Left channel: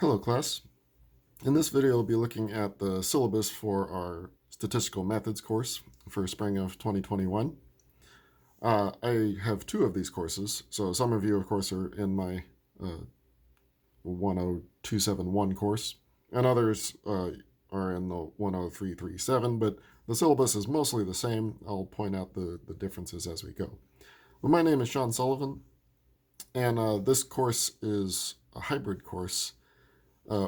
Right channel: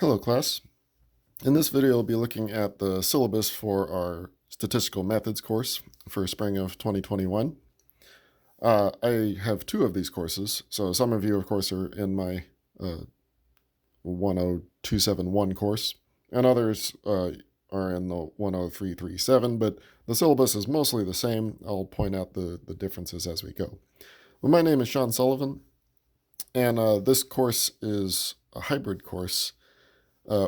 Hello class. In this video we'll be looking at the syllabus for our Statistical Methods course for spring of 2021. I have two of these courses, so some of you of course are in my 10271 course, and others are in the 10337, but the syllabus is mostly the same. I'll point out the differences as we go. Well, my name is Sean Sullivan, and this course is a hybrid course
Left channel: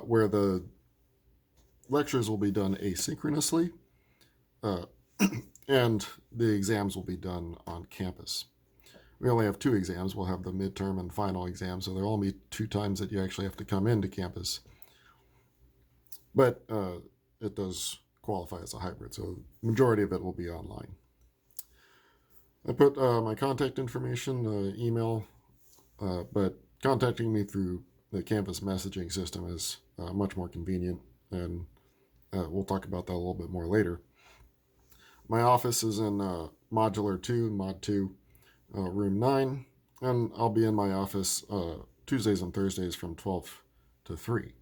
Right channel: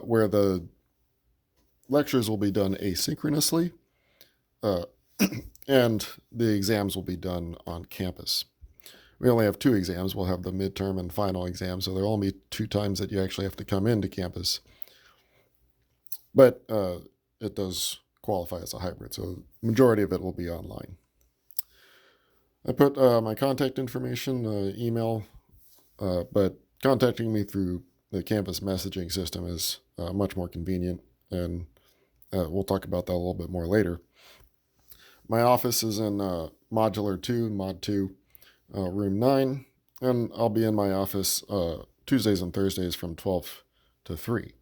where the lectures will be done asynchronously, uh, and the exams will be done on campus. We only have two exams. We'll have the midterm and final exam, so there'll only be two times that you actually have to come into campus. But it does qualify as a hybrid, so the majority of it will be online. I put my contact information, email, but contacting me through the campus messaging system is much more convenient, and we'll talk about that a little bit more later. My office is in Modular 2, Mod 2, Room 9, and I'll be in my office Tuesdays and Thursdays from 12 to 3.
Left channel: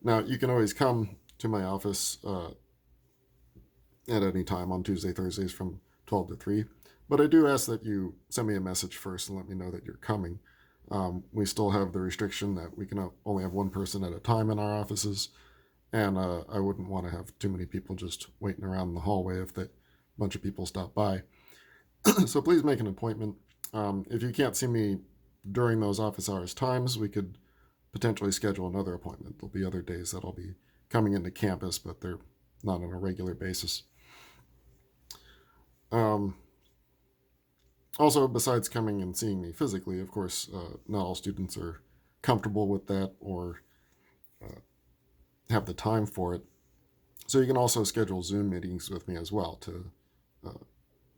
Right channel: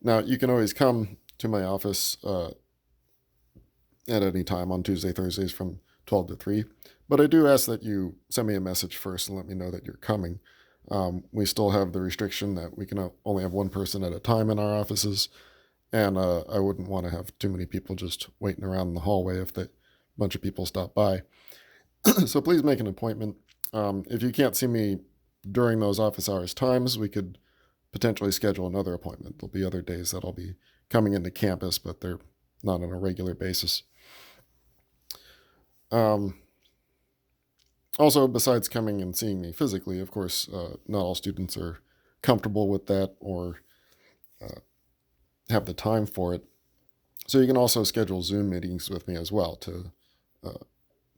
Now, you can always come to my office at any time on Tuesday, Thursdays from 12 to 3, but I do ask that you send me a message first and let me know that you're coming. We still have the restriction that we can only have one person at a time in our offices, and I wouldn't want to have too many people just waiting around in the hallway if a bunch of people stop by. So please make an appointment. If you can't see me during those office hours times, we could potentially schedule another appointment. There'll be other days that I'll be coming into campus, but they're not on a regular basis. Also, besides coming and seeing me physically, of course, not all students are comfortable with that or have the time for it. So you can also schedule Zoom meetings with me as well to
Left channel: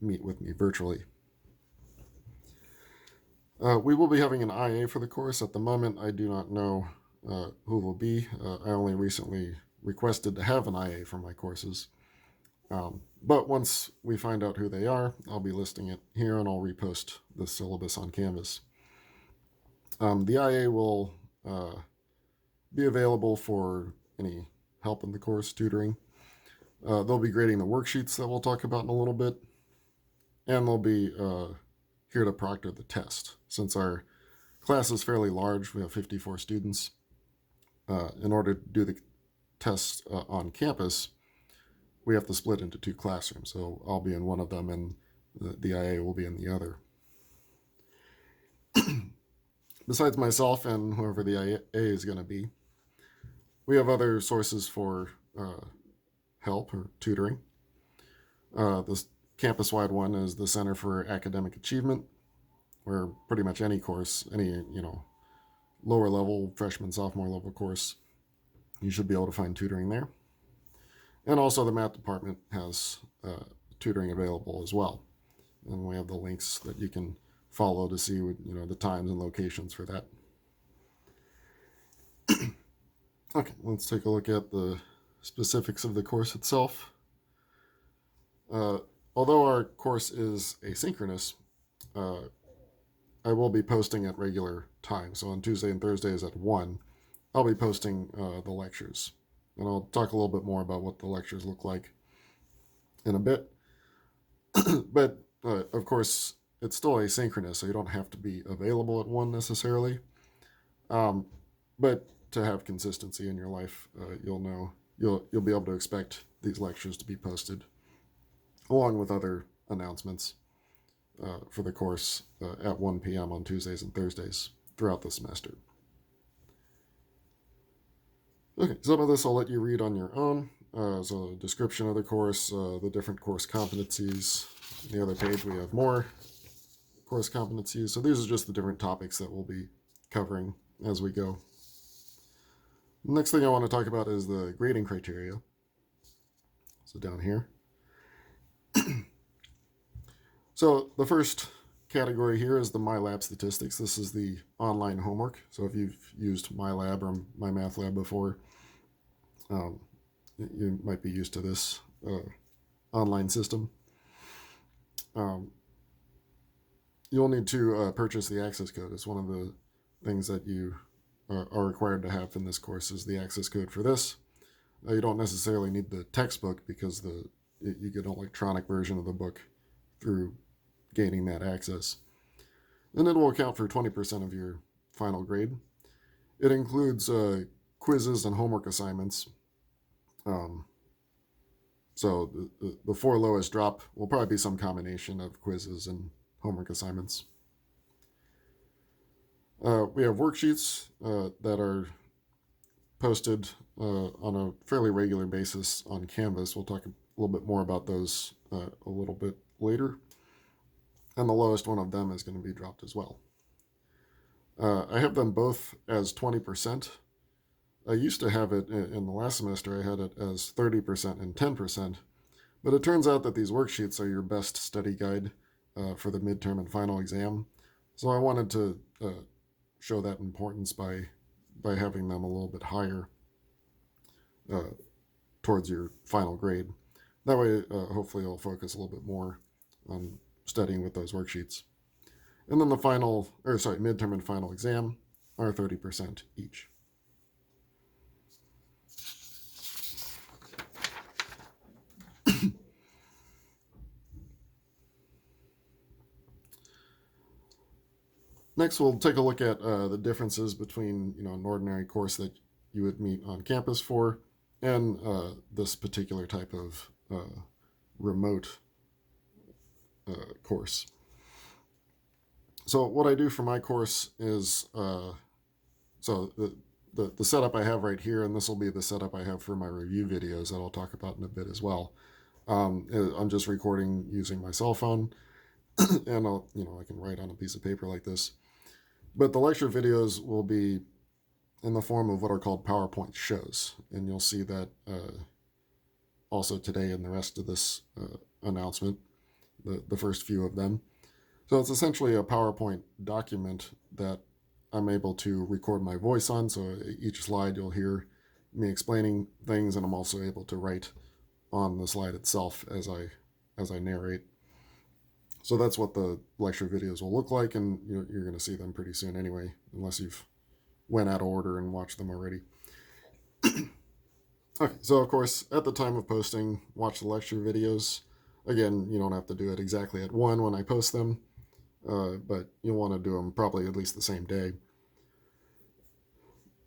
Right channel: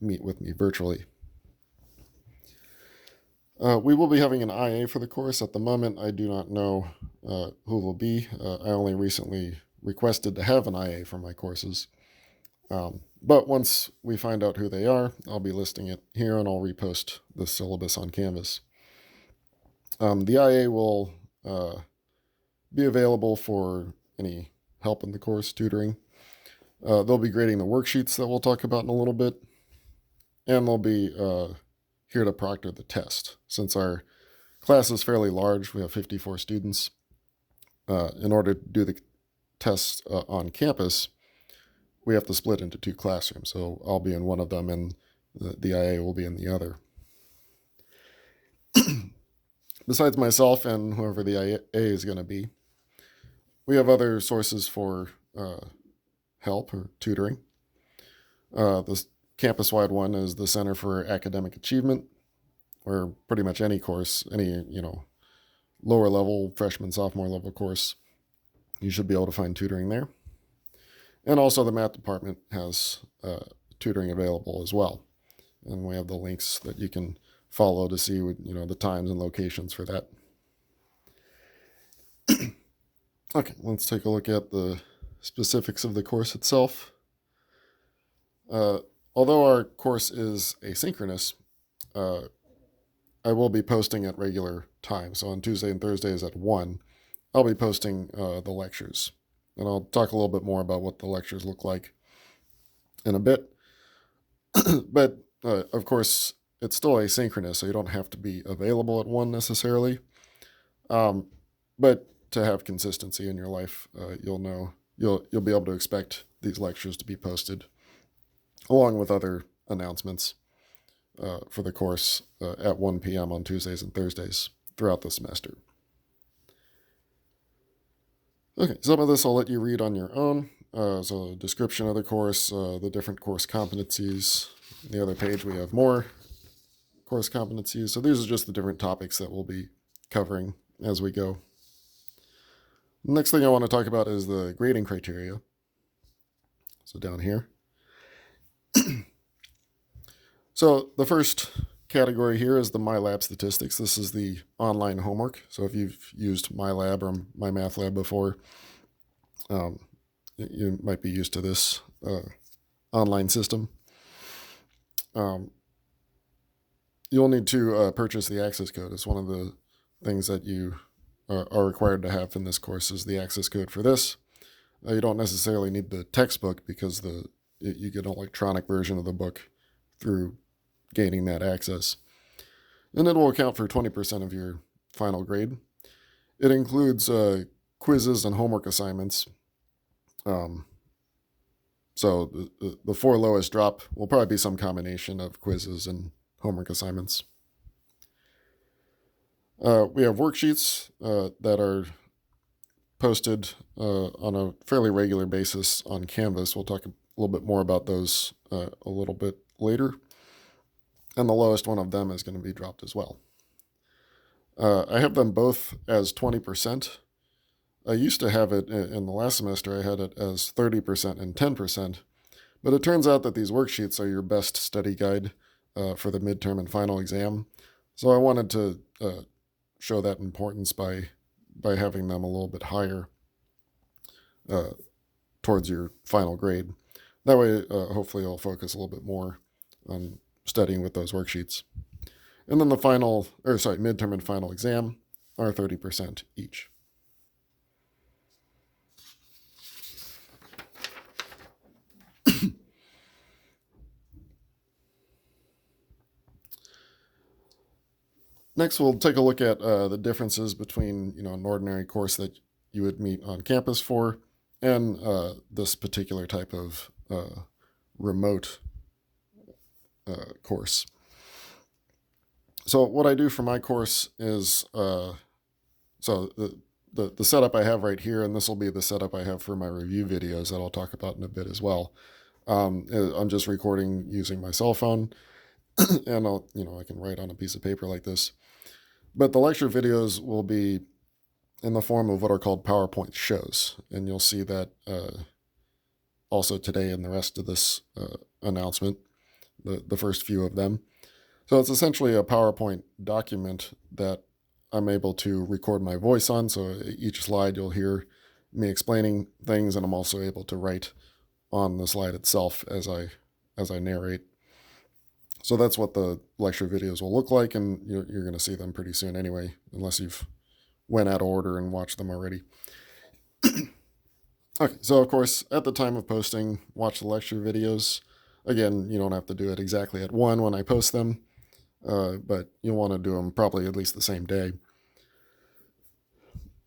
meet with me virtually. We will be having an IA for the course. At the moment, I do not know who it will be. I only recently requested to have an IA for my courses. But once we find out who they are, I'll be listing it here and I'll repost the syllabus on Canvas. The IA will be available for any help in the course, tutoring. They'll be grading the worksheets that we'll talk about in a little bit, and they'll be here to proctor the test. Since our class is fairly large, we have 54 students. In order to do the tests on campus, we have to split into two classrooms. So I'll be in one of them and the IA will be in the other. Besides myself and whoever the IA is going to be, we have other sources for help or tutoring. The campus-wide one is the Center for Academic Achievement, or pretty much any course, any lower level, freshman, sophomore level course, you should be able to find tutoring there. And also the math department has tutoring available as well. And we have the links that you can follow to see the times and locations for that. Okay, let's take a look at the specifics of the course itself. Although our course is asynchronous, I will be posting at regular times. So on Tuesday and Thursdays at 1, I'll be posting the lectures. And I'll talk a little bit more about what the lectures look like in a bit. But, of course, it's still asynchronous, so you don't have to be available at 1 necessarily. But to have consistency in your life, you'll be able to expect these lectures to be posted, along with other announcements for the course at 1 p.m. on Tuesdays and Thursdays throughout the semester. Okay, some of this I'll let you read on your own. So a description of the course, the different course competencies. On the other page we have more course competencies. So these are just the different topics that we'll be covering as we go. The next thing I want to talk about is the grading criteria. So down here. So the first category here is the MyLab statistics. This is the online homework. So if you've used MyLab or MyMathLab before, you might be used to this online system. You'll need to purchase the access code. It's one of the things that you are required to have in this course is the access code for this. You don't necessarily need the textbook because you get an electronic version of the book through gaining that access. And it will account for 20% of your final grade. It includes quizzes and homework assignments. So the four lowest drop will probably be some combination of quizzes and homework assignments. We have worksheets that are posted on a fairly regular basis on Canvas. We'll talk a little bit more about those a little bit later. And the lowest one of them is going to be dropped as well. I have them both as 20%. I used to have it in the last semester, I had it as 30% and 10%. But it turns out that these worksheets are your best study guide for the midterm and final exam. So I wanted to show that importance by having them a little bit higher towards your final grade. That way, hopefully, I'll focus a little bit more on studying with those worksheets. And then the midterm and final exam are 30% each. Next, we'll take a look at the differences between an ordinary course that you would meet on campus for and this particular type of remote course. So what I do for my course is so the setup I have right here, and this will be the setup I have for my review videos that I'll talk about in a bit as well. I'm just recording using my cell phone, and I can write on a piece of paper like this. But the lecture videos will be in the form of what are called PowerPoint shows, and you'll see that also today in the rest of this announcement, the first few of them. So it's essentially a PowerPoint document that I'm able to record my voice on. So each slide you'll hear me explaining things, and I'm also able to write on the slide itself as I narrate. So that's what the lecture videos will look like, and you're going to see them pretty soon anyway, unless you've went out of order and watched them already. Okay, so of course, at the time of posting, watch the lecture videos. Again, you don't have to do it exactly at 1 when I post them, but you'll want to do them probably at least the same day.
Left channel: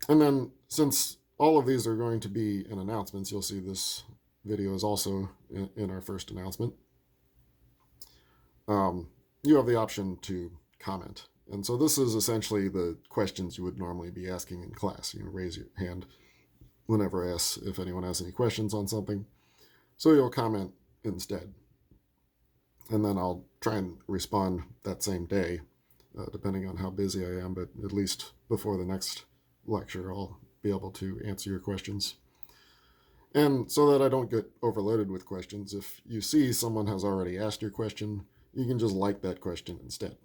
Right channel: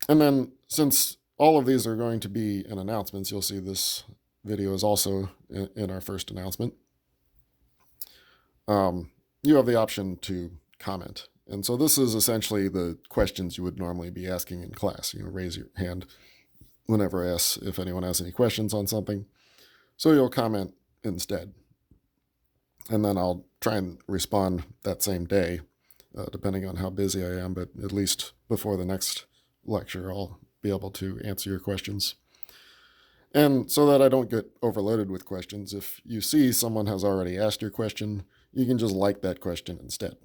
And then, since all of these are going to be in announcements, you'll see this video is also in our first announcement. You have the option to comment. And so this is essentially the questions you would normally be asking in class. Raise your hand whenever I ask if anyone has any questions on something. So you'll comment instead. And then I'll try and respond that same day, depending on how busy I am. But at least before the next lecture, I'll be able to answer your questions. And so that I don't get overloaded with questions, if you see someone has already asked your question, you can just like that question instead.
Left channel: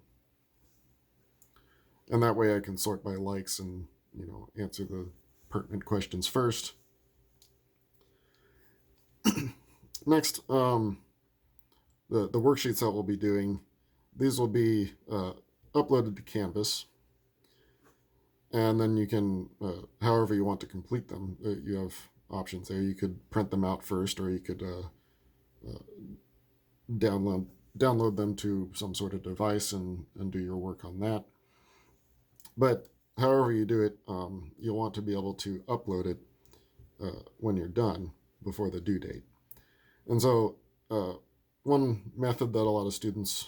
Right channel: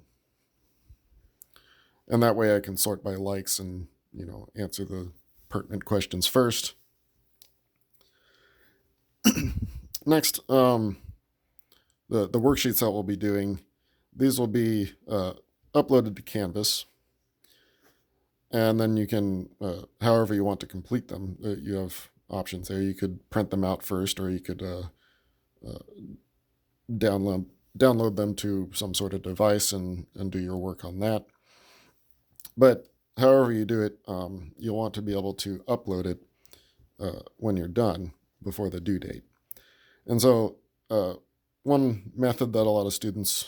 And that way I can sort by likes and, answer the pertinent questions first. Next, the worksheets that we'll be doing, these will be uploaded to Canvas. And then you can, however you want to complete them, you have options there. You could print them out first, or you could download them to some sort of device and do your work on that. But however you do it, you'll want to be able to upload it when you're done before the due date. And so one method that a lot of students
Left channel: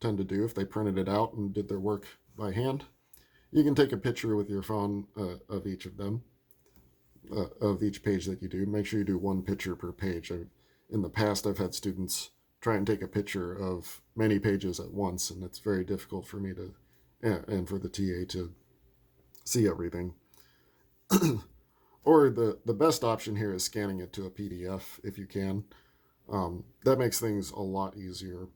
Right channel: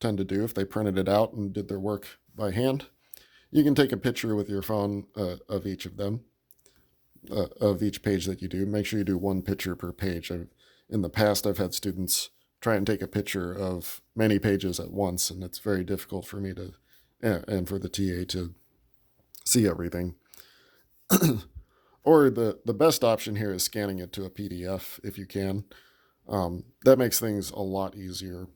tend to do, if they printed it out and did their work by hand, you can take a picture with your phone of each of them, of each page that you do. Make sure you do one picture per page. In the past, I've had students try and take a picture of many pages at once, and it's very difficult for me to, and for the TA to see everything. Or the best option here is scanning it to a PDF if you can. That makes things a lot easier,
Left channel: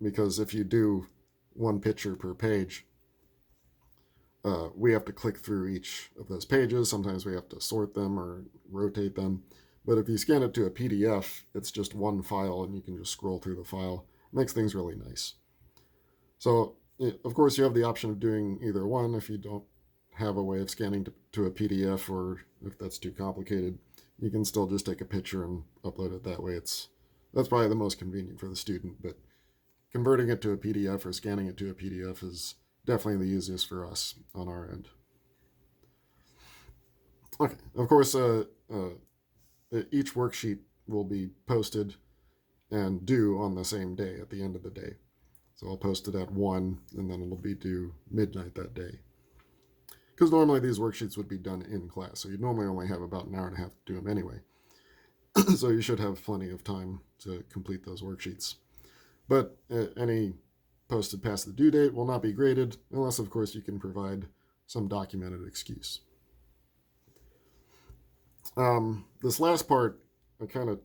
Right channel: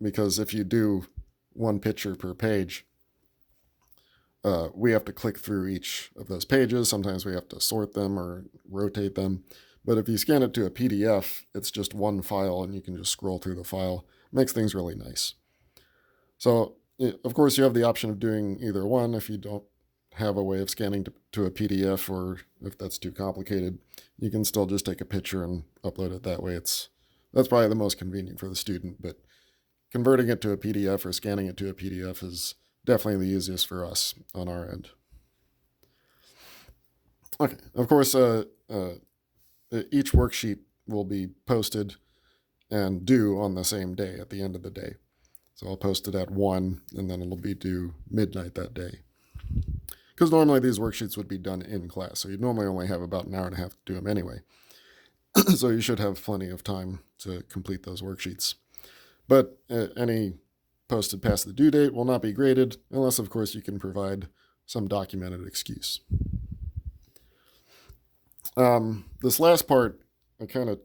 because if you do one picture per page, we have to click through each of those pages. Sometimes we have to sort them or rotate them. But if you scan it to a PDF, it's just one file and you can just scroll through the file. It makes things really nice. So, of course, you have the option of doing either one if you don't have a way of scanning to a PDF, or if that's too complicated, you can still just take a picture and upload it that way. That's probably the most convenient for the student, but converting it to a PDF or scanning it to a PDF is definitely the easiest for us on our end. Okay, of course, each worksheet will be posted and due on the same day at the end of the day. So I'll post it at 1, and then it'll be due midnight that day. Because normally these worksheets would be done in class, so you'd normally only have about an hour and a half to do them anyway. So you should have plenty of time to complete those worksheets. But any posted past the due date will not be graded, unless, of course, you can provide some documented excuse. This last part, I kind of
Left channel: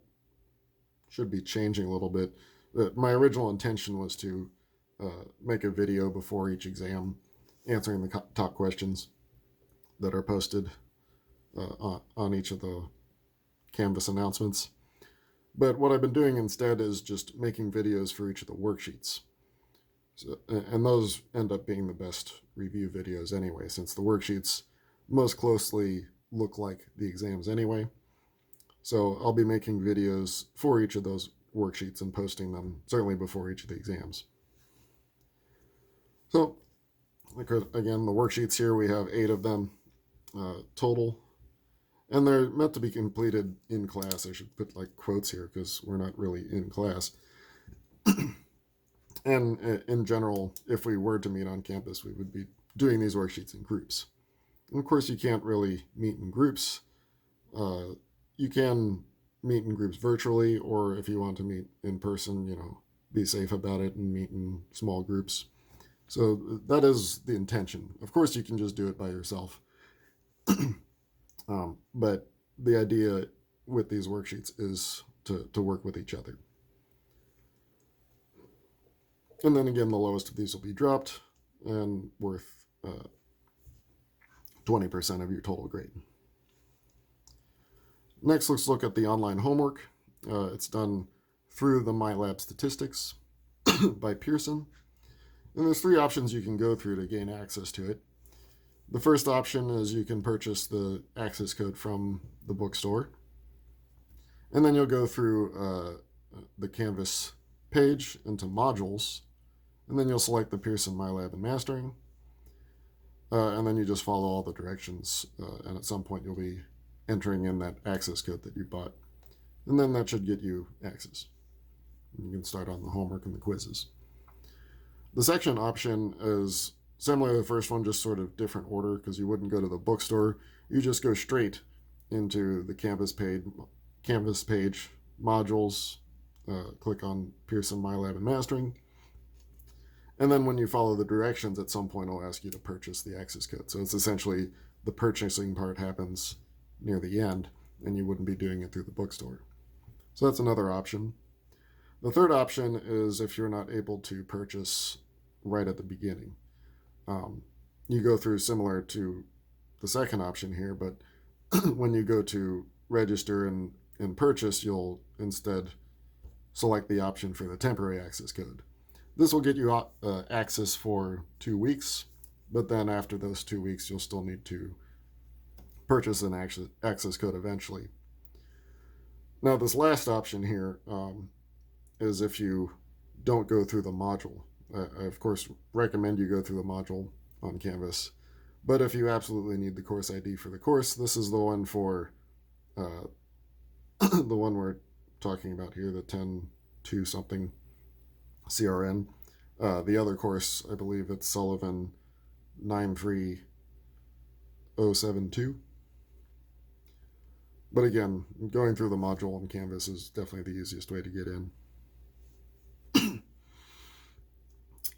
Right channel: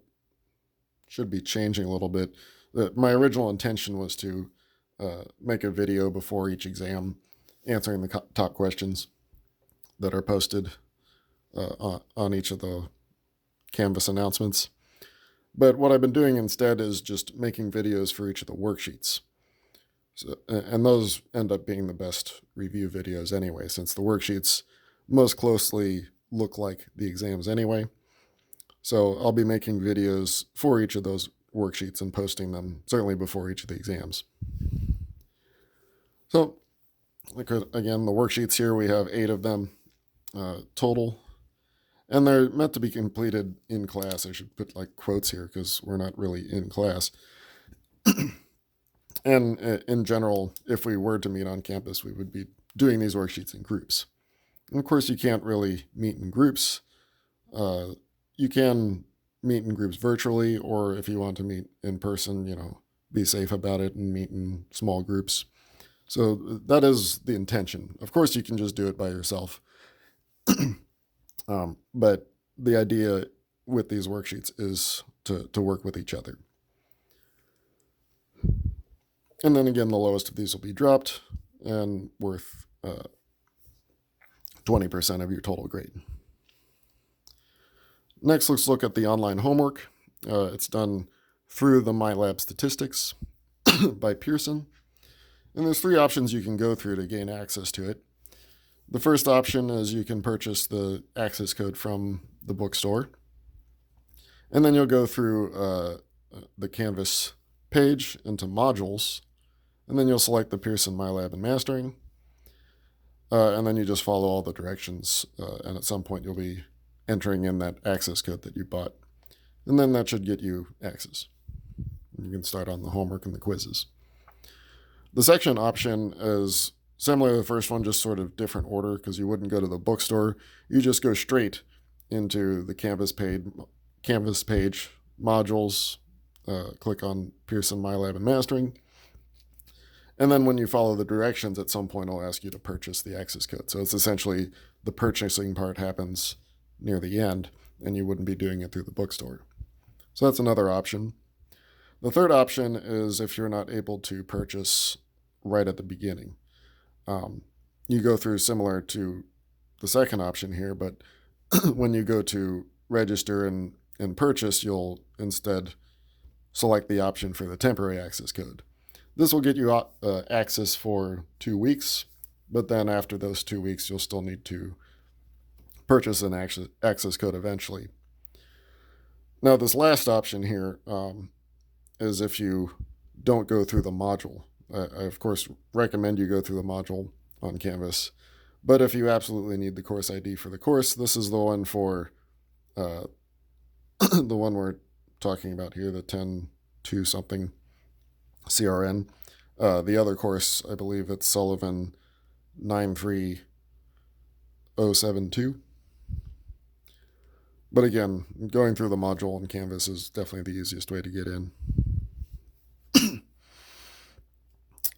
should be changing a little bit. My original intention was to make a video before each exam answering the top questions that are posted on each of the Canvas announcements. But what I've been doing instead is just making videos for each of the worksheets. And those end up being the best review videos anyway, since the worksheets most closely look like the exams anyway. So I'll be making videos for each of those worksheets and posting them certainly before each of the exams. So again, the worksheets here, we have 8 of them total, and they're meant to be completed in class. I should put like quotes here because we're not really in class. And in general, if we were to meet on campus, we would be doing these worksheets in groups. And of course, you can't really meet in groups. You can meet in groups virtually, or if you want to meet in person, be safe about it and meet in small groups. So that is the intention. Of course, you can just do it by yourself. But the idea with these worksheets is to work with each other. And then again, the lowest of these will be dropped and worth 20% of your total grade. Next, let's look at the online homework. It's done through the MyLab Statistics by Pearson. And there's 3 options you can go through to gain access to it. The first option is you can purchase the access code from the bookstore. And then you'll go through the Canvas page into modules. And then you'll select the Pearson MyLab and Mastering. And then you just follow all the directions. And at some point you'll be entering in that access code that you bought. And then that should get you access. You can start on the homework and the quizzes. The section option is similar to the first one, just sort of different order, because you wouldn't go to the bookstore. You just go straight into the Canvas page, modules, click on Pearson MyLab and Mastering. And then when you follow the directions, at some point it'll ask you to purchase the access code. So it's essentially the purchasing part happens near the end, and you wouldn't be doing it through the bookstore. So that's another option. The third option is if you're not able to purchase right at the beginning. You go through similar to the second option here, but when you go to register and purchase, you'll instead select the option for the temporary access code. This will get you access for 2 weeks, but then after those 2 weeks, you'll still need to purchase an access code eventually. Now, this last option here is if you don't go through the module. I, of course, recommend you go through the module on Canvas, but if you absolutely need the course ID for the course, this is the one for the one we're talking about here, the 10-2 something CRN. The other course, I believe it's Sullivan 93072. But again, going through the module on Canvas is definitely the easiest way to get in.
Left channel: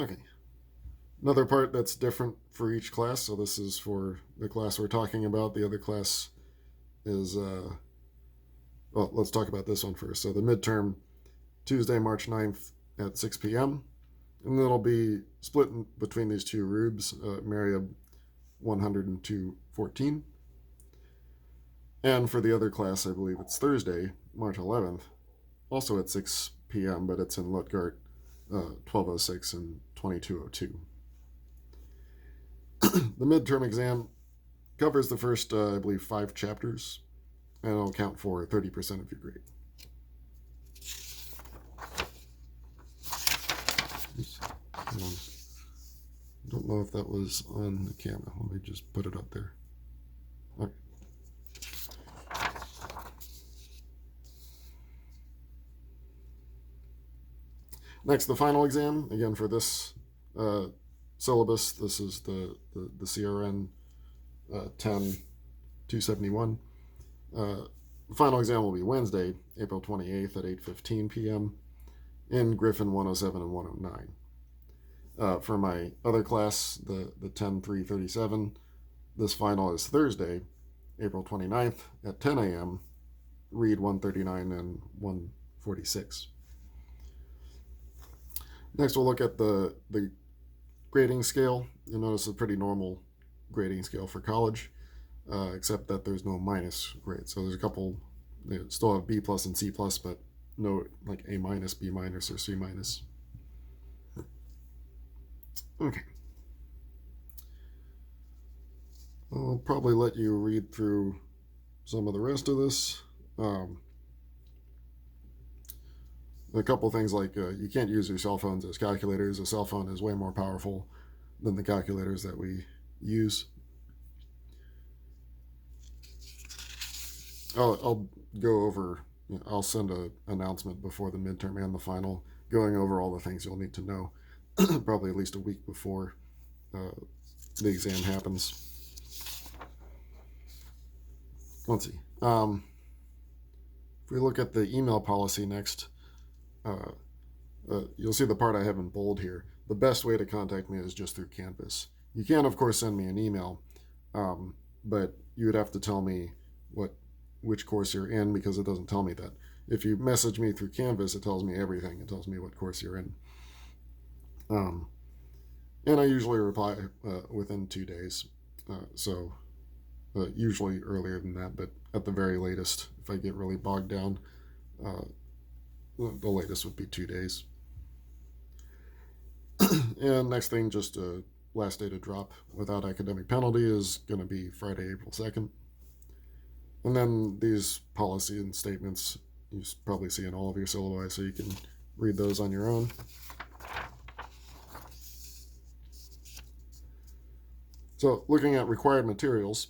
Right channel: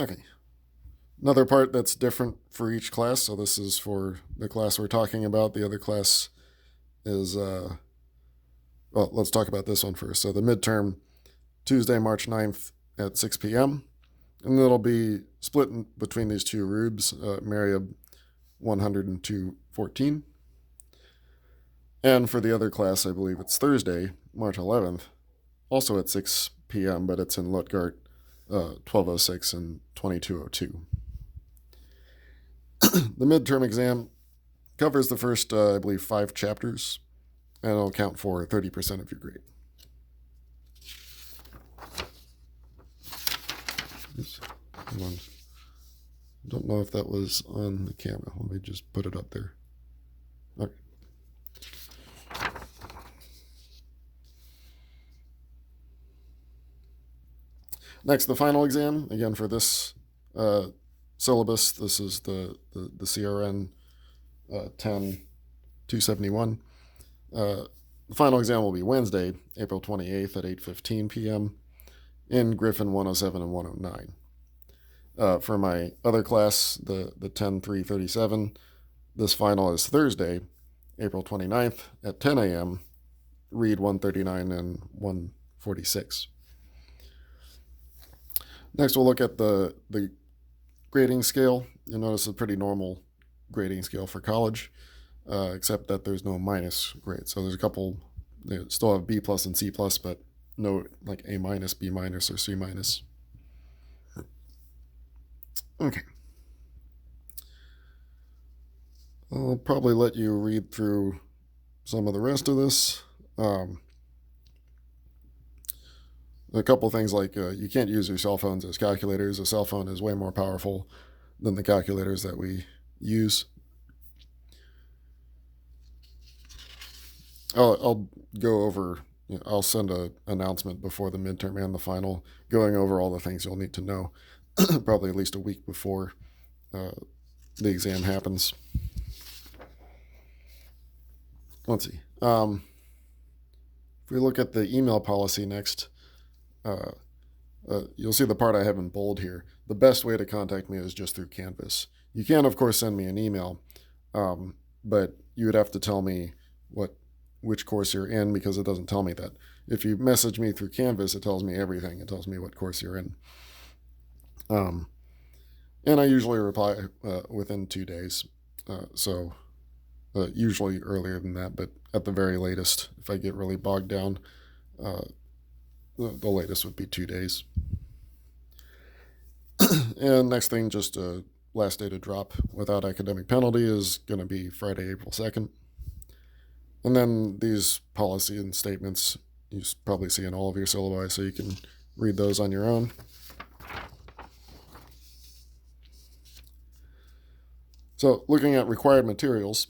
Okay. Another part that's different for each class. So this is for the class we're talking about. The other class is, well, let's talk about this one first. So the midterm, Tuesday, March 9th at 6 p.m. And it'll be split between these 2 rubes, Mariab 102.14. And for the other class, I believe it's Thursday, March 11th, also at 6 p.m., but it's in Lutgart 1206 and 2202. The midterm exam covers the first, I believe, 5 chapters, and it'll count for 30% of your grade. Oops. Don't know if that was on the camera. Let me just put it up there. Okay. Next, the final exam. Again, for this syllabus, this is the CRN 10-271. The final exam will be Wednesday, April 28th at 8:15 p.m. in Griffin 107 and 109. For my other class, the 10-337, this final is Thursday, April 29th at 10 a.m., read 139 and 146. Next, we'll look at the grading scale. You'll notice a pretty normal grading scale for college, except that there's no minus grade. So there's a couple, they still have B plus and C plus, but no like A minus, B minus, or C minus. Okay. I'll probably let you read through some of the rest of this. A couple things like you can't use your cell phones as calculators. A cell phone is way more powerful than the calculators that we use. I'll go over, I'll send an announcement before the midterm and the final, going over all the things you'll need to know, probably at least a week before the exam happens. Let's see. If we look at the email policy next, you'll see the part I have in bold here. The best way to contact me is just through Canvas. You can, of course, send me an email, but you would have to tell me which course you're in, because it doesn't tell me that. If you message me through Canvas, it tells me everything. It tells me what course you're in. And I usually reply within 2 days. So usually earlier than that, but at the very latest, if I get really bogged down, the latest would be 2 days. And next thing, just last day to drop without academic penalty is going to be Friday, April 2nd. And then these policy and statements you probably see in all of your syllabi, so you can read those on your own. So looking at required materials,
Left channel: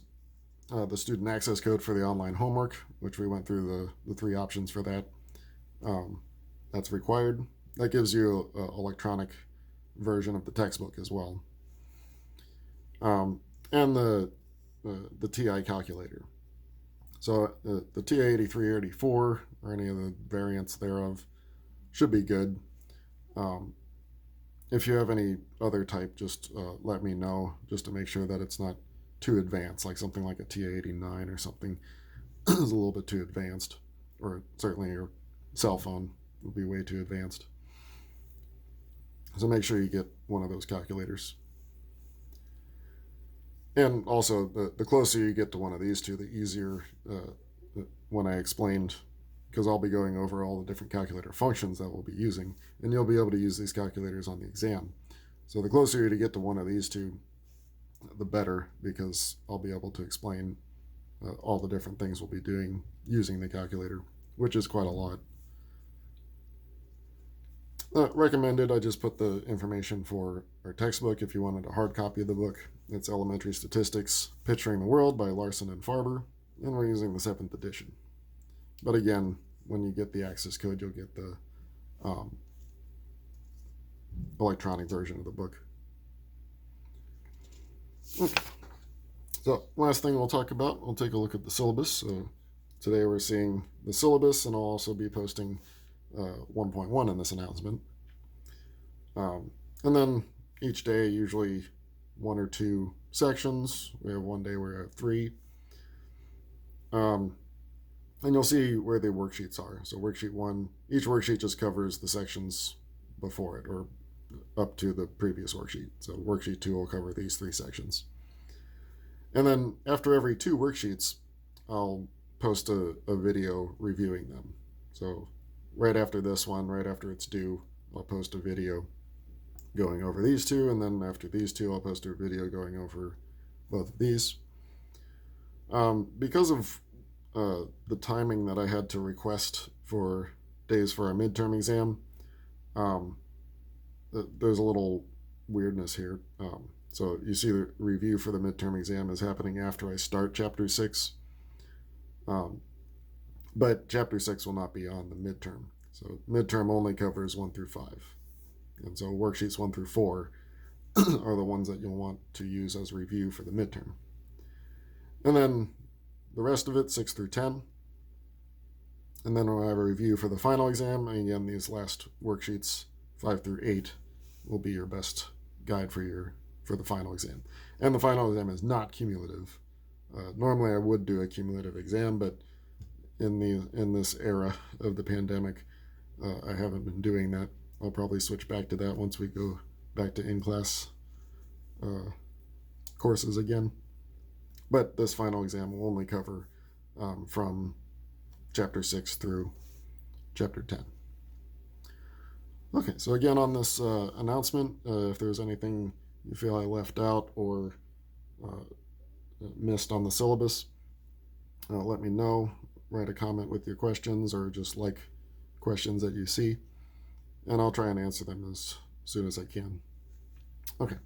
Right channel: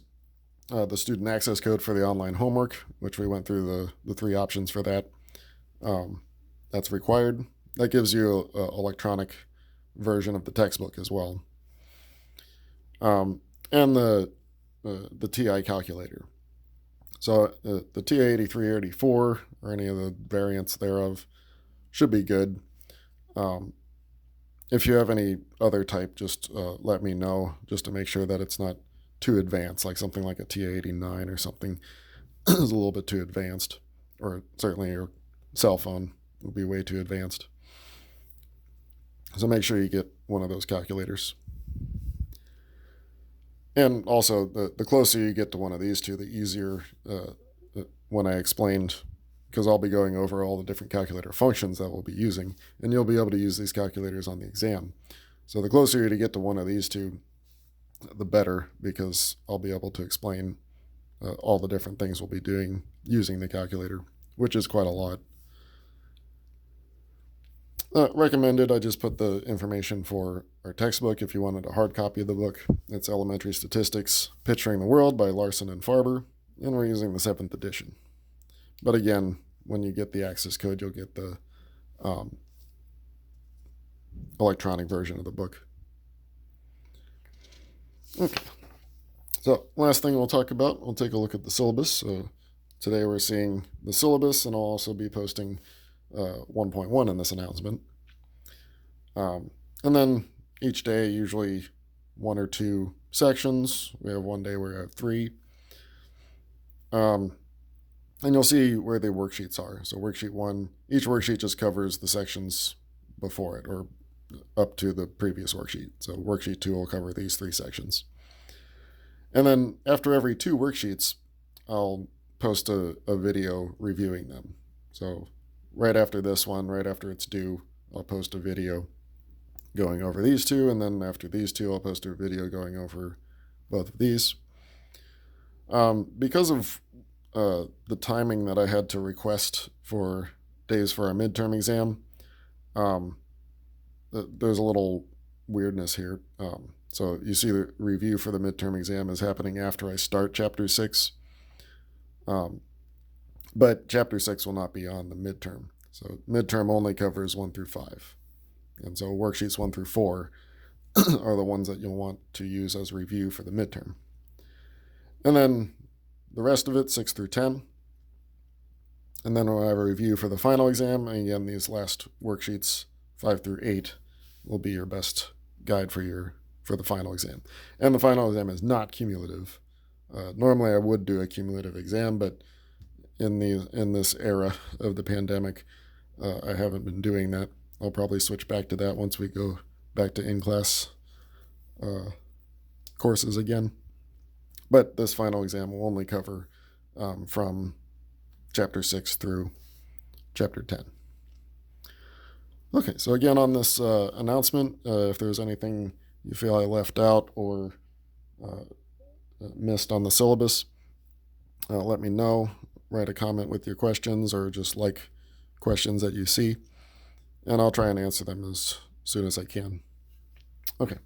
the student access code for the online homework, which we went through the 3 options for that. That's required. That gives you an electronic version of the textbook as well. And the TI calculator. So the TI-83 or 84, or any of the variants thereof, should be good. If you have any other type, just let me know, just to make sure that it's not too advanced, like something like a TI-89 or something is a little bit too advanced, or certainly your cell phone would be way too advanced. So make sure you get one of those calculators. And also, the closer you get to one of these two, the easier when I explained, because I'll be going over all the different calculator functions that we'll be using, and you'll be able to use these calculators on the exam. So the closer you get to one of these two, the better, because I'll be able to explain all the different things we'll be doing using the calculator, which is quite a lot. Recommended, I just put the information for our textbook if you wanted a hard copy of the book. It's Elementary Statistics, Picturing the World by Larson and Farber, and we're using the 7th edition. But again, when you get the access code, you'll get the electronic version of the book. Okay, so last thing we'll talk about, we'll take a look at the syllabus. Today we're seeing the syllabus, and I'll also be posting 1.1 in this announcement. And then each day, usually 1 or 2 sections. We have one day where we have 3. And you'll see where the worksheets are. So worksheet 1, each worksheet just covers the sections before it, or up to the previous worksheet. So worksheet 2 will cover these 3 sections. And then after every 2 worksheets, I'll post a video reviewing them. So right after this one, right after it's due, I'll post a video going over these 2, and then after these 2, I'll post a video going over both of these. Because of the timing that I had to request for days for a midterm exam, um, there's a little weirdness here. So you see the review for the midterm exam is happening after I start Chapter 6. But Chapter 6 will not be on the midterm. So midterm only covers 1 through 5. And so worksheets 1 through 4 are the ones that you'll want to use as review for the midterm. And then the rest of it, 6 through 10. And then we'll have a review for the final exam. And again, these last worksheets, 5 through 8, will be your best guide for the final exam. And the final exam is not cumulative. Normally I would do a cumulative exam, but in this era of the pandemic, I haven't been doing that. I'll probably switch back to that once we go back to in-class courses again. But this final exam will only cover from Chapter 6 through Chapter 10. Okay, so again on this announcement, if there's anything you feel I left out or missed on the syllabus, let me know. Write a comment with your questions or just like questions that you see, and I'll try and answer them as soon as I can. Okay.